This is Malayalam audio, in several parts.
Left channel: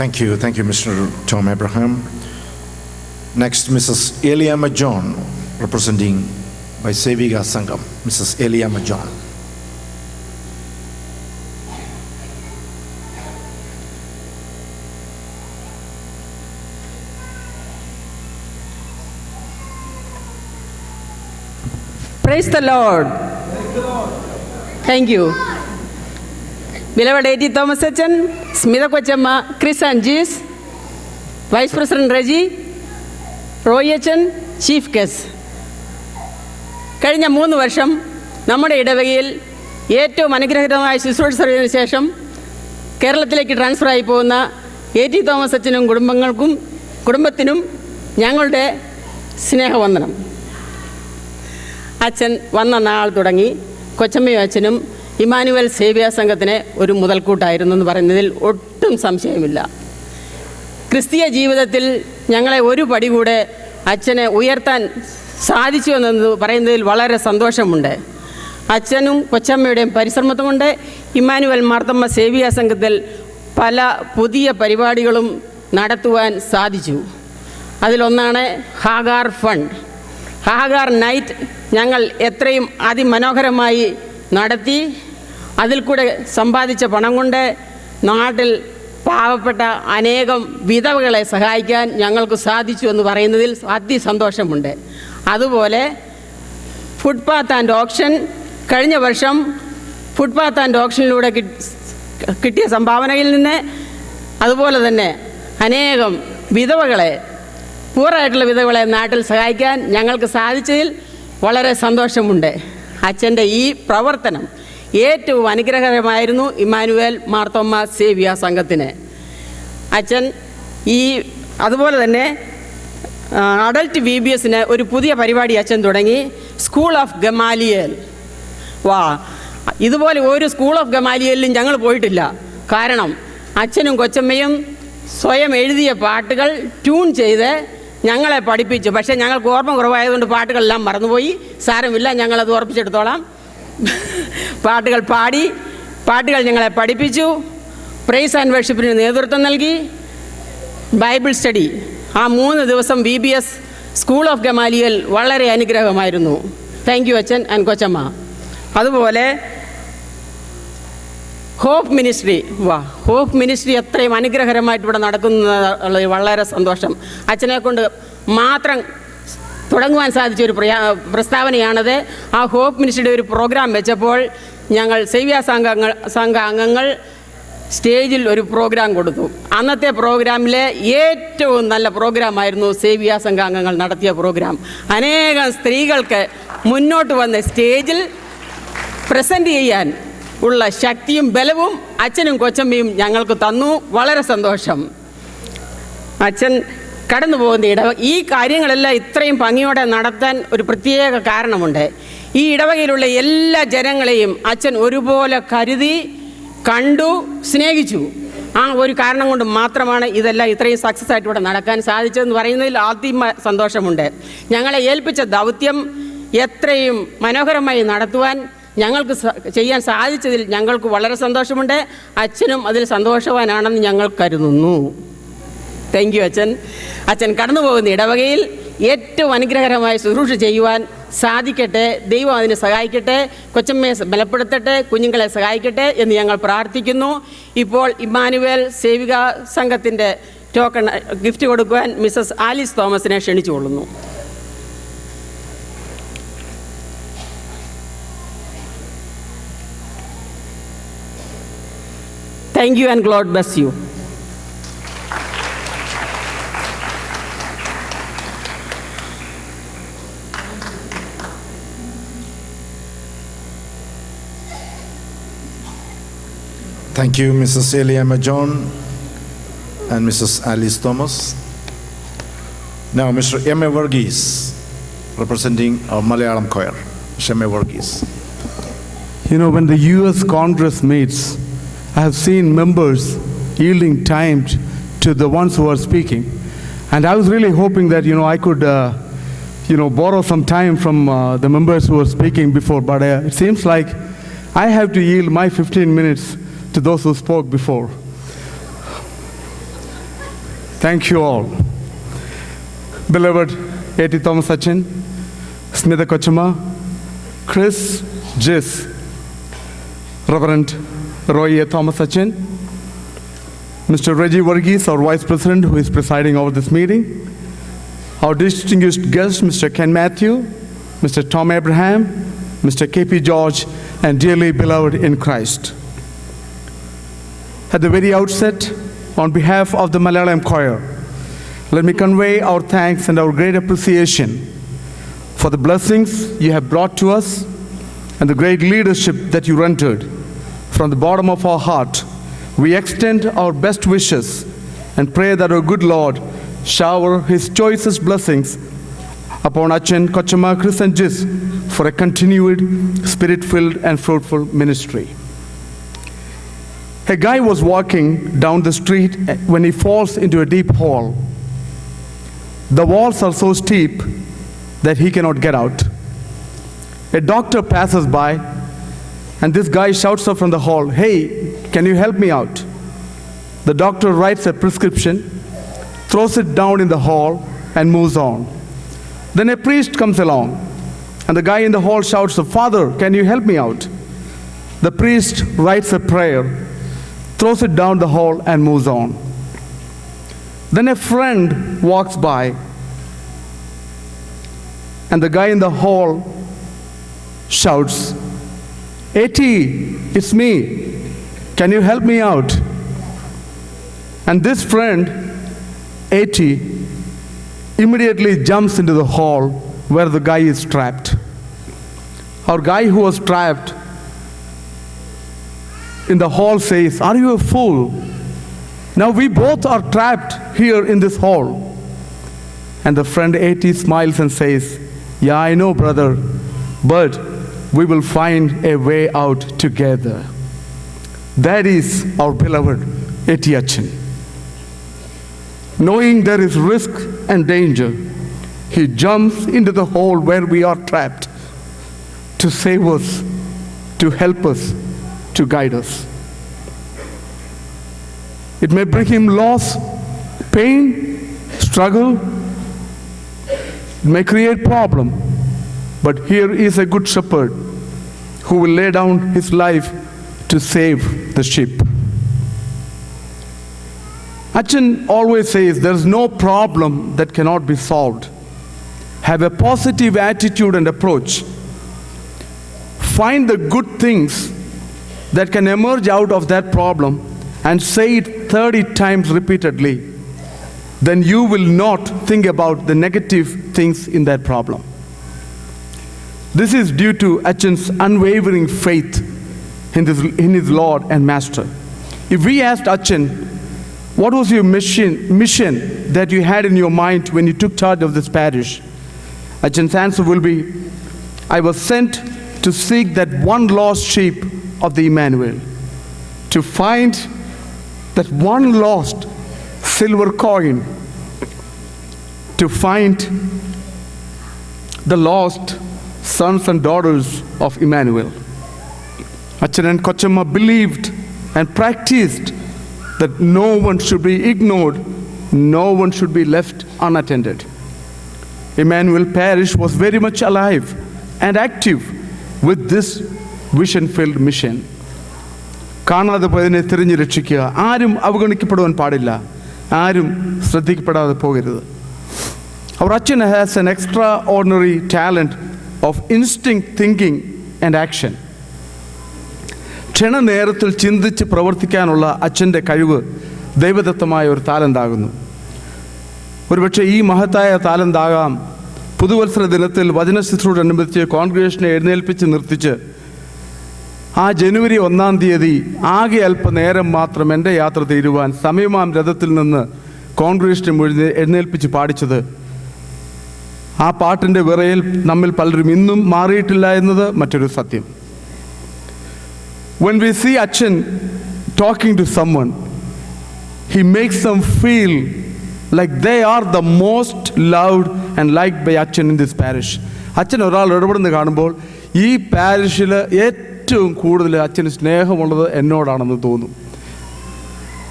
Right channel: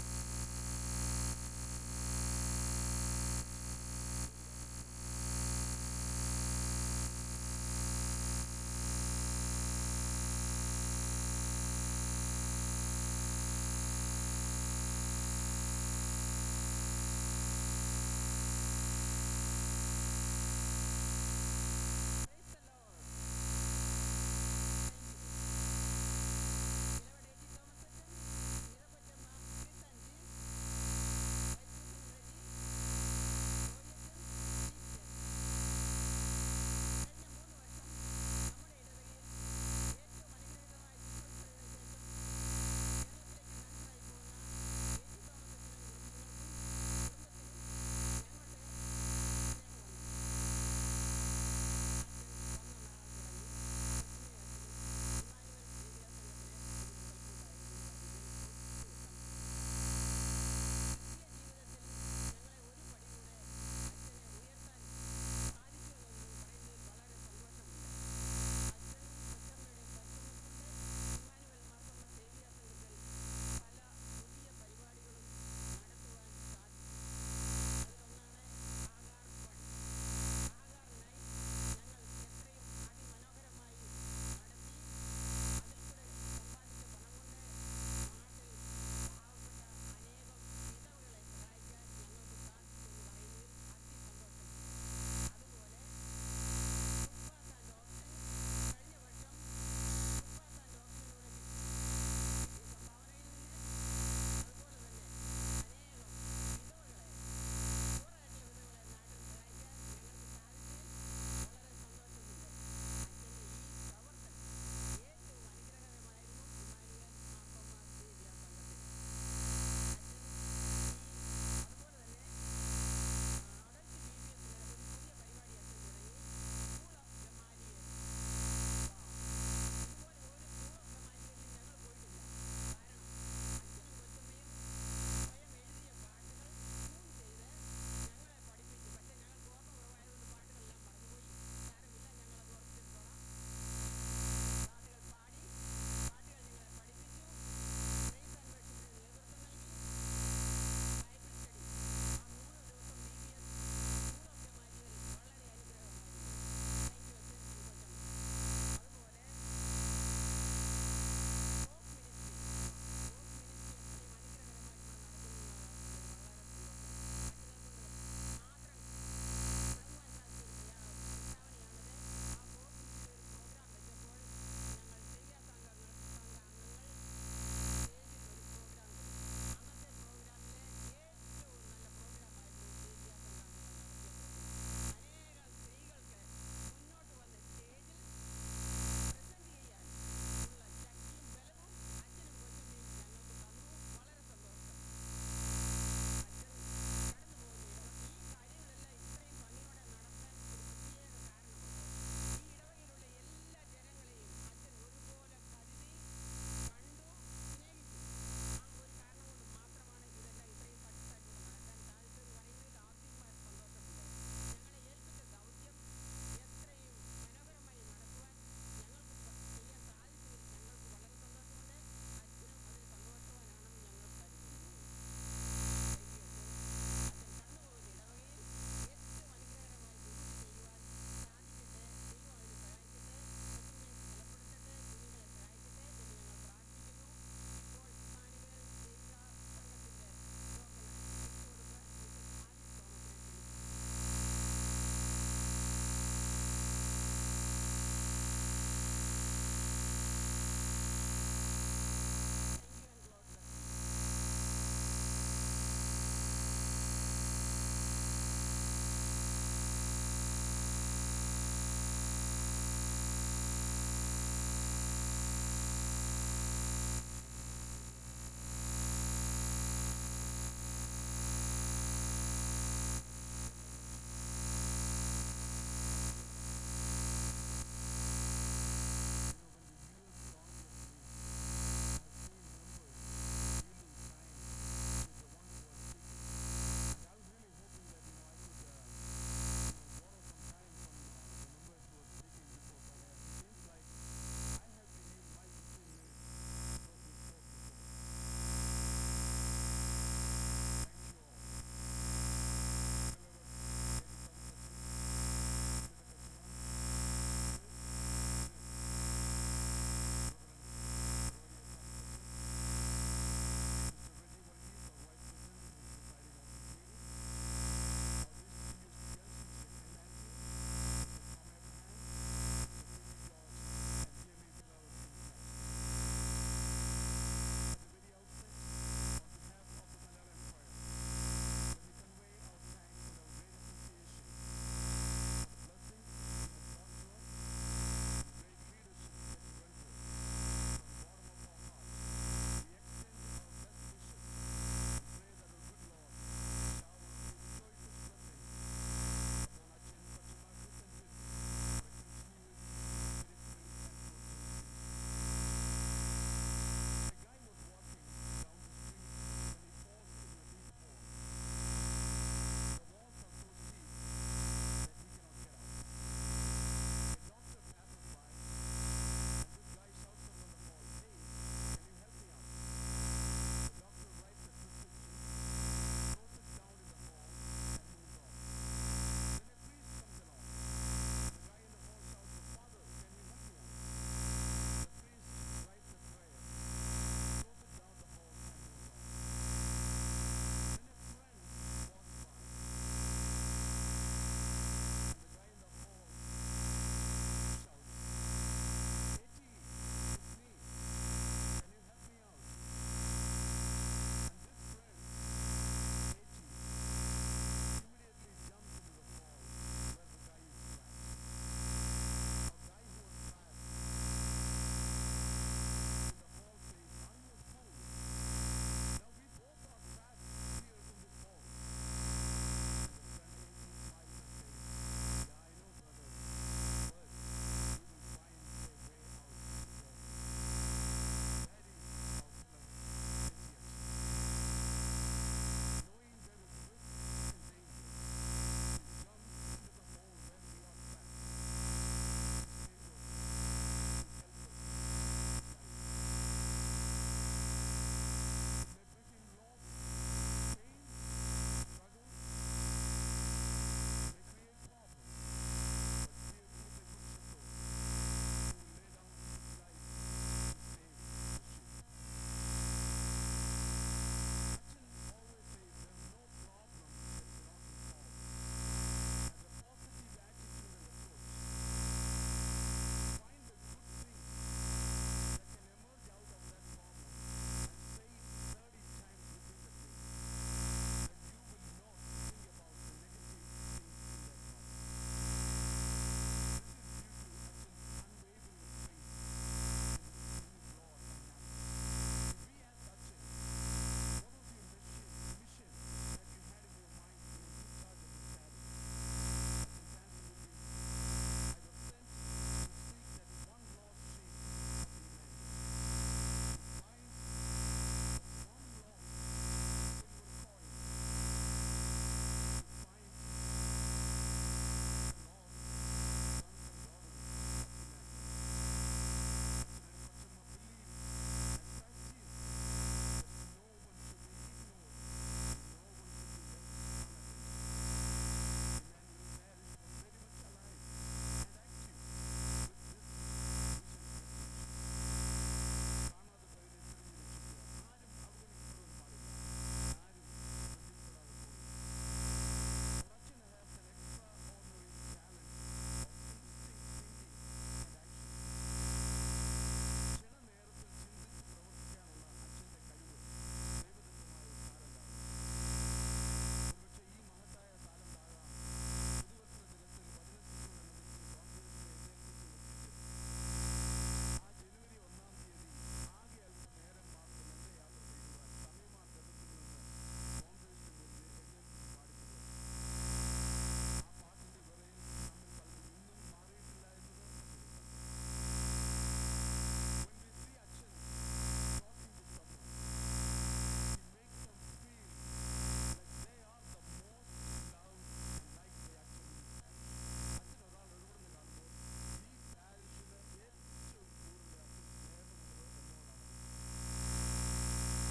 Thank you, Mr. Tom Abraham. Next, Mrs. Eliama John, representing by Sevika Sangam. Mrs. Eliama John. Praise the Lord. Thank you. Beloved A.T. Thomas Achan, Smitha Kochama, Chris and Jis, Vice President Reggie, Roy Achan, Chief Guest. കഴിഞ്ഞ 3 വർഷം നമ്മുടെ ഇടവകയിൽ ഏറ്റവും അനുഗ്രഹീതമായ ശുശ്രൂഷ സർവീസിന് ശേഷം കേരളത്തിലേക്ക് ട്രാൻസ്ഫറായി പോകുന്ന A.T. തോമസ് അച്ഛനും കുടുംബത്തിനും ഞങ്ങളുടെ സ്നേഹവന്ദനം. അച്ഛൻ വന്ന നാൾ തുടങ്ങി കൊച്ചമ്മയും അച്ഛനും ഇമ്മാനുവൽ സേവ്യ സംഘത്തിന് ഒരു മുതൽക്കൂട്ടായിരുന്നു എന്ന് പറയുന്നതിൽ ഒട്ടും സംശയമില്ല. ക്രിസ്തീയ ജീവിതത്തിൽ ഞങ്ങളെ ഒരു പടി കൂടെ അച്ഛനെ ഉയർത്താൻ സാധിച്ചു എന്ന് പറയുന്നതിൽ വളരെ സന്തോഷമുണ്ട്. അച്ഛനും കൊച്ചമ്മയുടെയും പരിശ്രമത്തുകൊണ്ട് ഇമ്മാനുവൽ മാർത്തമ്മ സേവ്യ സംഘത്തിൽ പല പുതിയ പരിപാടികളും നടത്തുവാൻ സാധിച്ചു. അതിലൊന്നാണ് ഹാഗാർ ഫണ്ട്. ഹാഗാർ നൈറ്റ് ഞങ്ങൾ എത്രയും അതിമനോഹരമായി നടത്തി. അതിൽ കൂടെ സമ്പാദിച്ച പണം കൊണ്ട് നാട്ടിൽ പാവപ്പെട്ട അനേകം വിധവകളെ സഹായിക്കാൻ ഞങ്ങൾക്ക് സാധിച്ചു എന്ന് പറയുന്നതിൽ അതിസന്തോഷമുണ്ട്. അതുപോലെ ഫുട്പാത്ത് ആൻഡ് ഓപ്ഷൻ, കഴിഞ്ഞ വർഷം ഫുട്പാത്ത് ആൻഡ് ഓപ്ഷനിലൂടെ കിട്ടിയ സംഭാവനയിൽ നിന്ന് അതുപോലെ തന്നെ അനേകം വിധവകളെ, പൂറായിട്ടുള്ള വിധവകളെ നാട്ടിൽ സഹായിക്കാൻ ഞങ്ങൾക്ക് സാധിച്ചതിൽ വളരെ സന്തോഷമുണ്ട്. അച്ഛൻ്റെ ഈ പ്രവർത്തനം ഏറ്റവും അനുഗ്രഹകരമായിരുന്നു ഇമ്മാനുവൽ മാർത്തോമ്മ സേവ്യ സംഘത്തിന്. അച്ഛൻ അതുപോലെ തന്നെ അഡൽട്ട് VBSന് ഒരു പുതിയ പരിപാടി അച്ഛൻ തുടങ്ങി, സ്കൂൾ ഓഫ് ഗമാലിയേൽ. ഇതുപോലെ ഒരു സ്കൂൾ ഓഫ് ഗമാലിയേലിലും ഞങ്ങൾ പോയിട്ടില്ല. കാരണം അച്ഛനും കൊച്ചമ്മയും സ്വയം എഴുതിയ പാട്ടുകൾ ട്യൂൺ ചെയ്ത് ഞങ്ങളെ പഠിപ്പിച്ചു. പക്ഷേ ഞങ്ങൾക്ക് ഓർമ്മ കുറവായതുകൊണ്ട് പാട്ടുകളെല്ലാം മറന്നുപോയി. സാരമില്ല, ഞങ്ങളത് ഓർപ്പിച്ചെടുത്തോളാം. പാട്ടുകൾ പാടി, പാട്ടുകൾ ഞങ്ങളെ പഠിപ്പിച്ചു. പ്രൈസ് ആൻഡ് വർഷിപ്പിന് നേതൃത്വം നൽകി. ബൈബിൾ സ്റ്റഡി, ആ 3 ദിവസം VBS സ്കൂൾ ഓഫ് ഗമാലിയൽ വളരെ അനുഗ്രഹമായിരുന്നു. താങ്ക് യു അച്ഛൻ ആൻഡ് കൊച്ചമ്മ. അതുപോലെ ഹോപ്പ് മിനിസ്ട്രി, ഹോപ്പ് മിനിസ്ട്രി എത്രയും അനുഗ്രഹകരമായിട്ട് ഇവിടെ നടക്കുന്നത് വളരെ സന്തോഷം. അച്ഛനെ കൊണ്ട് മാത്രം തുടങ്ങുവാൻ സാധിച്ച ഒരു പ്രസ്താവനയാണത്. ആ ഹോപ്പ് മിനിസ്ട്രിയുടെ ഒരു പ്രോഗ്രാം വെച്ചപ്പോൾ ഞങ്ങൾ സേവ്യ സംഘ അംഗങ്ങൾ സ്റ്റേജിൽ ഒരു പ്രോഗ്രാം കൊടുത്തു. അന്നത്തെ പ്രോഗ്രാമിലെ ഏറ്റവും നല്ല പ്രോഗ്രാമായിരുന്നു സേവ്യ സംഘ അംഗങ്ങൾ നടത്തിയ പ്രോഗ്രാം. അനേകം സ്ത്രീകൾക്ക് മുന്നോട്ട് വന്ന് സ്റ്റേജിൽ പ്രസൻറ്റ് ചെയ്യാൻ ഉള്ള ശക്തിയും ബലവും അച്ഛനും കൊച്ചമ്മയും ഞങ്ങൾക്ക് തന്നു. വളരെ സന്തോഷം. അച്ഛൻ കടന്നു പോകുന്ന ഈ കാര്യങ്ങളെല്ലാം ഇത്രയും ഭംഗിയോടെ നടത്താൻ ഒരു പ്രത്യേക കാരണമുണ്ട്. ഈ ഇടവകയിലുള്ള എല്ലാ ജനങ്ങളെയും അച്ഛൻ ഒരുപോലെ കരുതി, കണ്ടു, സ്നേഹിച്ചു. ആ ഒരു കാരണം കൊണ്ട് മാത്രമാണ് ഇതെല്ലാം ഇത്രയും സക്സസ് ആയിട്ട് ഇവിടെ നടക്കാൻ സാധിച്ചതെന്ന് പറയുന്നതിൽ ആദ്യം സന്തോഷമുണ്ട്. ഞങ്ങളെ ഏൽപ്പിച്ച ദൗത്യം എത്രയും മനോഹരമായി നടത്തുവാൻ ഞങ്ങൾക്ക് ചെയ്യാൻ സാധിച്ചതിൽ ഞങ്ങൾക്ക് വളരെ സന്തോഷമുണ്ട്. അച്ഛനും അതിൽ സന്തോഷവാനാണെന്ന് ഞങ്ങൾ കരുതുന്നു. താങ്ക് യു അച്ഛൻ. അച്ഛൻ കടന്നു പോകുന്ന ഇടവകയിൽ ഏറ്റവും അനുഗ്രഹകരമായ ശുശ്രൂഷ ചെയ്യുവാൻ സാധിക്കട്ടെ. ദൈവം അതിനെ സഹായിക്കട്ടെ. കൊച്ചമ്മയെ ബലപ്പെടുത്തട്ടെ, കുഞ്ഞുങ്ങളെ സഹായിക്കട്ടെ എന്ന് ഞങ്ങൾ പ്രാർത്ഥിക്കുന്നു. ഇപ്പോൾ ഇമ്മാനുവൽ സേവിക സംഘത്തിൻ്റെ ടോക്കൺ ഗിഫ്റ്റ് കൊടുക്കുവാൻ മിസ്സസ് ആലിസ് തോമസിനെ ക്ഷണിച്ചുകൊള്ളുന്നു. Thank you and God bless you. Thank you, Mrs. Eliama John and Mrs. Alice Thomas. Now, Mr. M.A. Varghese, representing our Malayalam choir. Mr. M.A. Varghese. You know, when the U.S. Congress meets, I have seen members yielding time to the ones who are speaking. And I was really hoping that, I could, borrow some time from the members who were speaking before. But it seems like I have to yield my 15 minutes to those who spoke before. Thank you all. Beloved A.T. Thomas Achin, Smitha Kochama, Chris Jis, Reverend Roy A. Thomas Achin, Mr. Reggie Varghese, our Vice President, who is presiding over this meeting, our distinguished guests, Mr. Ken Matthew, Mr. Tom Abraham, Mr. K.P. George, and dearly beloved in Christ. At the very outset, on behalf of the Malayalam Choir, let me convey our thanks and our great appreciation for the blessings you have brought to us and the great leadership that you rendered. From the bottom of our heart, we extend our best wishes and pray that our good Lord shower His choicest blessings upon Achin, Kochama, Chris, and Jis for a continued, spirit-filled, and fruitful ministry. A guy was walking down the street when he falls into a deep hole. The walls are so steep that he cannot get out. A doctor passes by, and this guy shouts up from the hall, "Hey, can you help me out?" The doctor writes a prescription, throws it down in the hall, and moves on. Then a priest comes along, and the guy in the hall shouts, "Father, can you help me out?" The priest writes a prayer, throws it down the hall, and moves on. Then a friend walks by, and the guy in the hall shouts, "A.T., it's me. Can you help me out?" And this friend, A.T., immediately jumps into the hall where the guy is trapped. Our guy who was trapped in the hall says, "Are you a fool? Now we both are trapped here in this hall." And the friend A.T. smiles and says, "Yeah, I know, brother, but we will find a way out together." That is our beloved A.T. Achin. Knowing there is risk and danger, he jumps into the hole where we are trapped to save us, to help us, to guide us. It may bring him loss, pain, struggle. It may create problem, but here is a good shepherd who will lay down his life to save the sheep. Achin always says there's no problem that cannot be solved. Have a positive attitude and approach. Find the good things that can emerge out of that problem and say it 30 times repeatedly. Then you will not think about the negative things in that problem. This is due to Achin's unwavering faith in his Lord and Master. If we asked Achin, what was your mission that you had in your mind when you took charge of this parish? Achin's answer will be, "I was sent to seek that one lost sheep of the Emmanuel, to find that one lost silver coin, to find the lost sons and daughters of Emmanuel." Achin and Kochama believed and practiced that no one should be ignored, no one should be left unattended. Emmanuel Parish was very much alive and active with this vision-filled mission. കാണാതെ പോയതിനെ തിരിഞ്ഞു രക്ഷിക്കുക. ആരും അവഗണിക്കപ്പെടുവാൻ പാടില്ല, ആരും ശ്രദ്ധിക്കപ്പെടാതെ പോകരുത്. Our Achin has an extraordinary talent of instinct thinking and action. ക്ഷണനേരത്തിൽ ചിന്തിച്ച് പ്രവർത്തിക്കാനുള്ള അച്ഛൻ്റെ കഴിവ് ദൈവദത്തമായ ഒരു താലന്താകുന്നു. ഒരുപക്ഷെ ഈ മഹത്തായ താലന്താകാം പുതുവത്സര ദിനത്തിൽ വചനശുശ്രൂഷയോടനുബന്ധിച്ച് കോൺഗ്രിഗേഷനെ എഴുന്നേൽപ്പിച്ച് നിർത്തിച്ച് ആ ജനുവരി 1-ാം തീയതി ആകെ അല്പനേരം മാത്രം എൻ്റെ യാത്ര തീരുവാൻ സമയമാം രഥത്തിൽ നിന്ന് കോൺഗ്രിഗേഷനെ എഴുന്നേൽപ്പിച്ച് പാടിച്ചത്. ആ പാട്ടിൻ്റെ വിറയിൽ നമ്മിൽ പലരും ഇന്നും മാറിയിട്ടില്ല എന്നത് മറ്റൊരു സത്യം. When we see Achin talking to someone, he makes them feel like they are the most loved and liked by Achin in this parish. Achin ഒരാൾ ഇടപെടുന്ന കാണുമ്പോൾ ഈ പാരിഷിൽ ഏറ്റവും കൂടുതൽ അച്ഛന് സ്നേഹമുള്ളത് എന്നോടാണെന്ന് തോന്നും.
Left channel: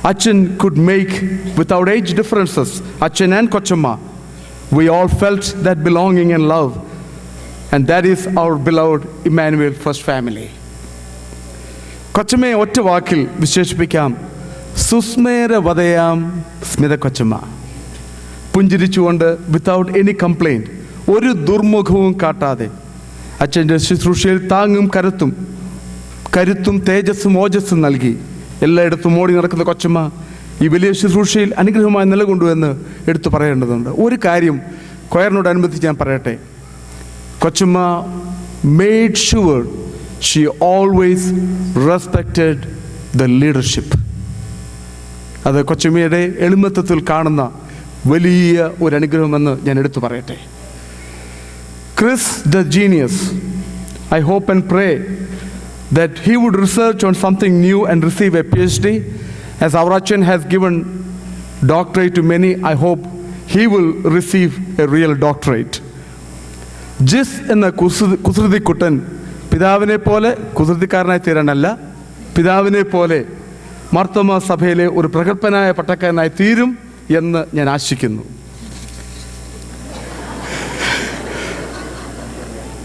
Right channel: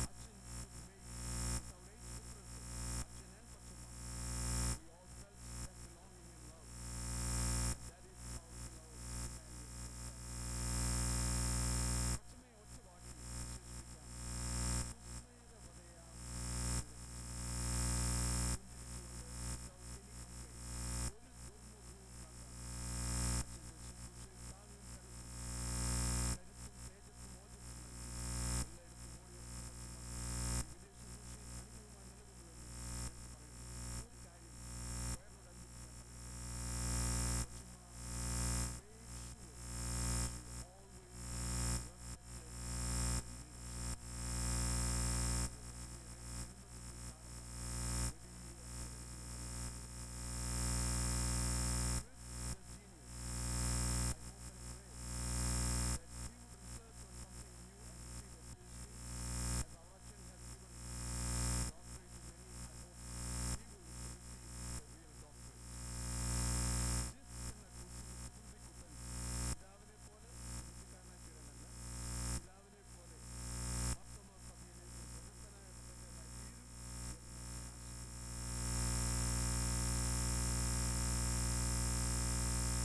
Achan could make without age differences, Achan and Kochama. We all felt that belonging and love. And that is our beloved Emmanuel First Family. കൊച്ചമ്മയെ ഒറ്റ വാക്കിൽ വിശേഷിപ്പിക്കാം, സുസ്മേരവതയാം സ്മിത കൊച്ചമ്മ. പുഞ്ചിരിച്ചുകൊണ്ട്, വിത്തൗട്ട് എനി കംപ്ലൈൻറ്റ്, ഒരു ദുർമുഖവും കാട്ടാതെ അച്ഛൻ്റെ ശുശ്രൂഷയിൽ താങ്ങും കരുത്തും തേജസ്സും ഓജസ്സും നൽകി എല്ലായിടത്തും ഓടി നടക്കുന്ന കൊച്ചമ്മ ഈ വലിയ ശുശ്രൂഷയിൽ അനുഗ്രഹമായി നിലകൊണ്ടുവെന്ന് എടുത്തു പറയേണ്ടതുണ്ട്. ഒരു കാര്യം കൊയറിനോടനുബന്ധിച്ച് ഞാൻ പറയട്ടെ. കൊച്ചമ്മ made sure she always respected the leadership. അത് കൊച്ചമ്മയുടെ എളിമത്വത്തിൽ കാണുന്ന വലിയ ഒരു അനുഗ്രഹമെന്ന് ഞാൻ എടുത്തു പറയട്ടെ. Chris the genius, I hope and pray that he would research on something new and receive a PhD. As Avrachan has given doctorate to many, I hope he will receive a real doctorate. ജിസ് എന്ന കുസൃതിക്കുട്ടൻ പിതാവിനെ പോലെ കുസൃതിക്കാരനായി തീരാനല്ല, പിതാവിനെ പോലെ മാർത്തോമാ സഭയിലെ ഒരു പ്രഗത്ഭനായ പട്ടക്കാരനായി തീരും എന്ന് ഞാൻ ആശിക്കുന്നു.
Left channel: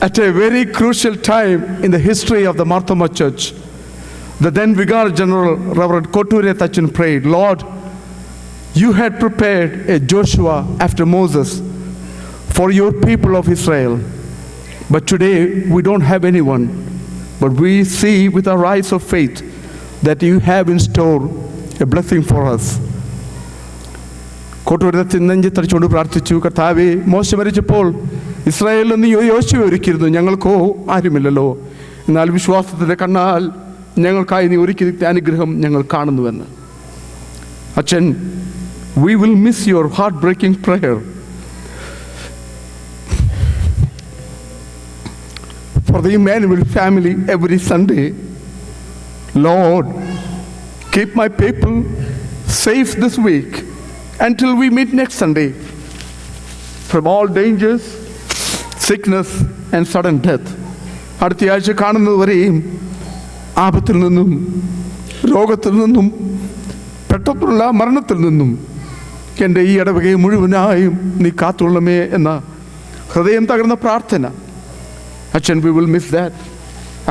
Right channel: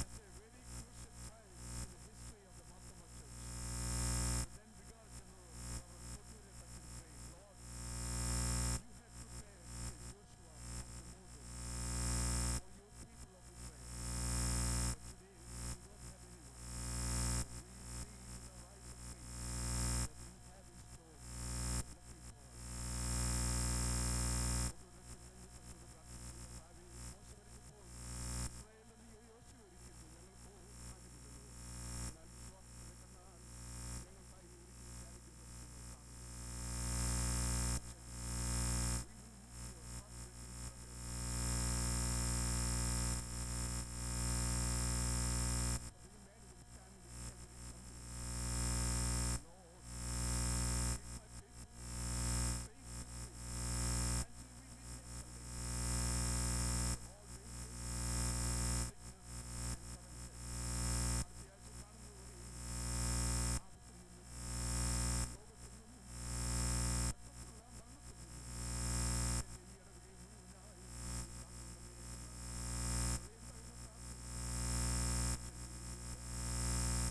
At a very crucial time in the history of the Marthoma Church, the then Vicar General Reverend Koture Tachin prayed, Lord, you had prepared a Joshua after Moses for your people of Israel. But today we don't have anyone, but we see with our eyes of faith that you have in store a blessing for us. കോട്ടൂരത്തിൽ നെഞ്ചത്തടിച്ചുകൊണ്ട് പ്രാർത്ഥിച്ചു, കർത്താവേ, മോശ മരിച്ചപ്പോൾ ഇസ്രായേലിൽ നീ യോശുവ ഒരുക്കിയിരുന്നു, ഞങ്ങൾക്കോ ആരുമില്ലല്ലോ. എന്നാൽ വിശ്വാസത്തിൻ്റെ കണ്ണാൽ ഞങ്ങൾക്കായി നീ ഒരുക്കി അനുഗ്രഹം ഞങ്ങൾ കാണുന്നുവെന്ന്. അച്ഛൻ, we will miss your heart-breaking prayer for the Emmanuel family every Sunday. Lord, keep my people safe this week until we meet next Sunday from all dangers, sickness and sudden death. അടുത്ത ആഴ്ച കാണുന്നതുവരെയും ആപത്തിൽ നിന്നും, രോഗത്തിൽ നിന്നും, പെട്ടെന്നുള്ള മരണത്തിൽ നിന്നും എൻ്റെ ഈ ഇടവകയെ മുഴുവനായും നീ കാത്തുകൊള്ളമേ എന്ന ഹൃദയം തകർന്ന പ്രാർത്ഥന. Achan, we will miss that.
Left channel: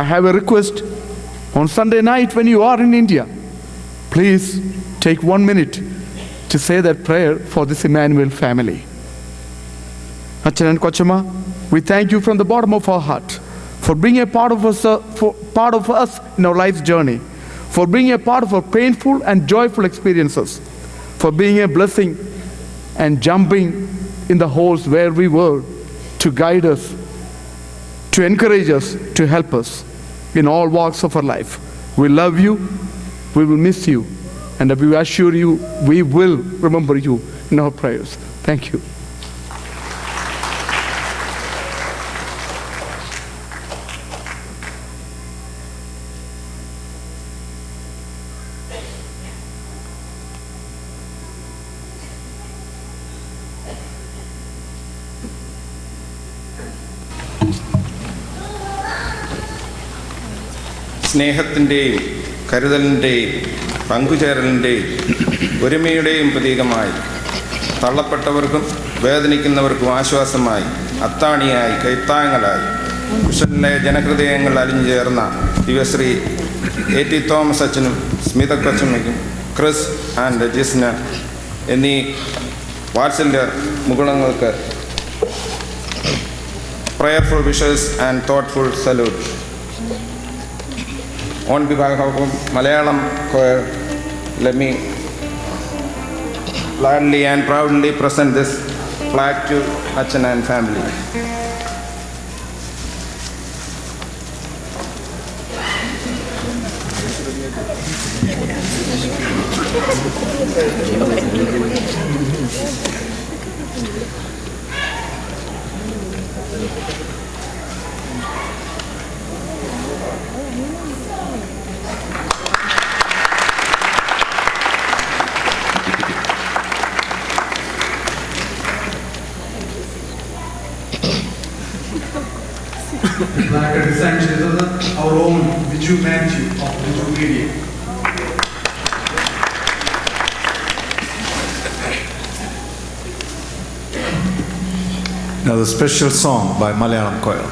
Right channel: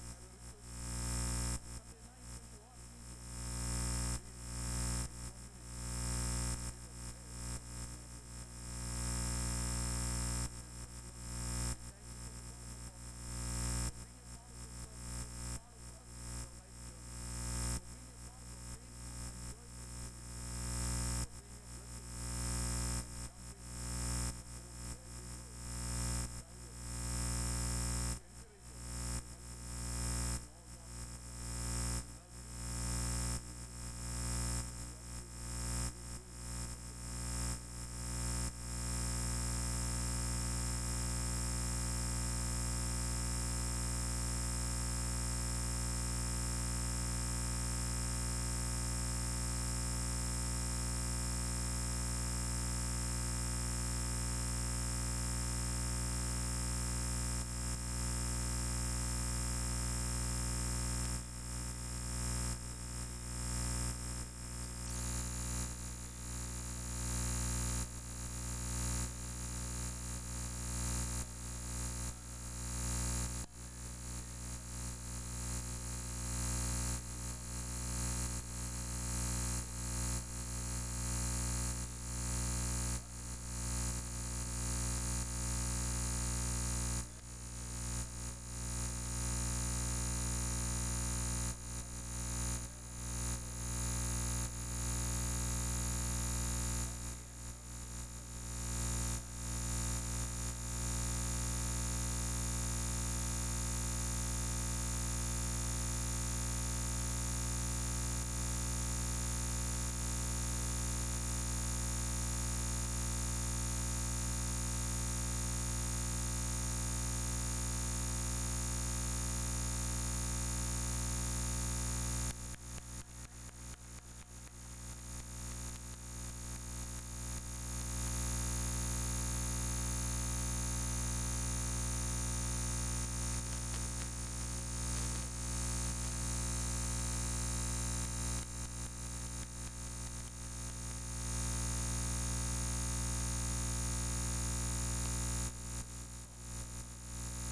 I have a request. On Sunday night when you are in India, please take 1 minute to say that prayer for this Emmanuel family. Achan and Kochama, we thank you from the bottom of our heart for being a part of us in our life's journey, for being a part of our painful and joyful experiences, for being a blessing and jumping in the holes where we were to guide us, to encourage us, to help us in all walks of our life. We love you, we will miss you, and we assure you we will remember you in our prayers. Thank you. സ്നേഹത്തിൻ്റെയും കരുതലിൻ്റെയും പങ്കുചേരലിൻ്റെയും ഒരുമയുടെയും പ്രതീകമായി, തള്ളപ്പെട്ടവർക്കും വേദനിക്കുന്നവർക്കും ആശ്വാസമായി, അത്താണിയായി, കൈത്താങ്ങലായി മിഷനിലെ ജനഹൃദയങ്ങൾ അലിഞ്ഞു ചേർന്ന ദിവശ്രീ എ ടി തോമസ് അച്ഛനും സ്മിത കൊച്ചമ്മയ്ക്കും ക്രിസ് ആൻഡ് ജിസ്ന എന്നീ വാത്സല്യ മുകുളങ്ങൾക്ക് prayerful wishes and thoughtful salute. On behalf of Malayalam choir, let me gladly and proudly present this flag to Achan and family. Like a design our own Viju Matthew of Viju Media. Now the special song by Malayalam choir.